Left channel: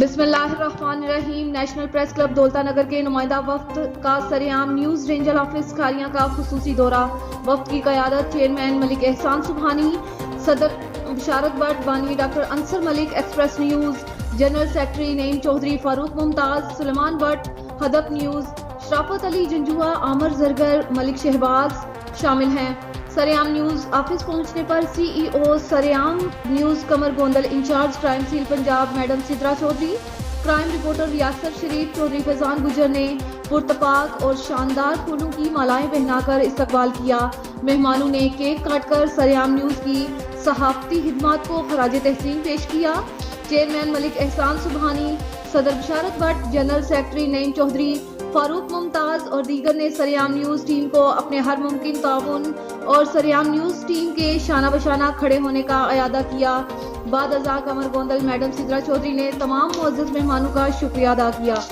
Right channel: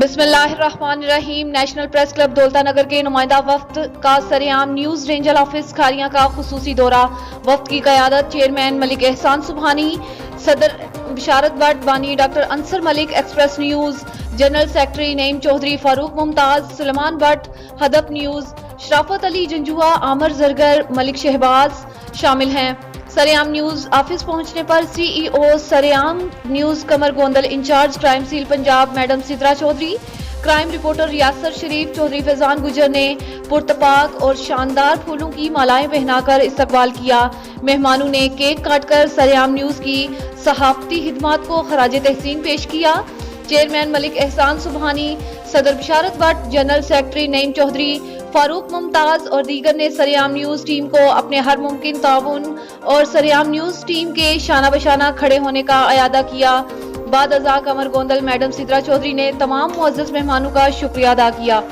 बिस्मिल्लाहिर्रहमानिर्रहीम। National press club दौलता नगर के नुमाइंदा वफ्द का सरेआम न्यूज रेंजर ऑफिस खारियां का खुसूसी दौरा। वफ्द की क़यादत चेयरमैन मलिक एहसान सुबहानी, सदर बिशारत भट्ट, बानी doctor Ansar Malik, Express News general secretary Naeem Chaudhry, Farooq Mumtaz, Suleman Bhatt, Hadaf News, Sharafat Ali Janjua, आमर जरगर, मलिक शहबाज शामिल हैं। सरेआम न्यूज ऑफिस पहुंचने पर CEO Sareaam News Qamar Gondal, incharge crime cell Punjab madam Sidra Chaudhry, crime reporter Riyasat Sharif, Chaudhary Faizan गुजर ने पुरतपाक और शानदार फूलों की मालाएं पहनाकर इस्तकबाल किया। मेहमानों ने केक काटकर सरेआम न्यूज की सहाफती खिदमत को खराज तहसीन पेश किया। चेयरमैन मलिक एहसान सुबहानी, सदर बिशारत भट्ट, जनरल सेक्रेटरी नईम चौधरी, फारूक मुमताज और दीगर ने सरेआम न्यूज टीम को अपने हर मुमकिन ताउन और सरेआम न्यूज टीम के शाना बशाना खड़े होने का अयादा किया। बाद अज़ा कमर गोंदल मैडम सिद्रा चौधरी ने तमाम मुअज़्ज़ज़ मेहमानों का शुक्रिया अदा किया।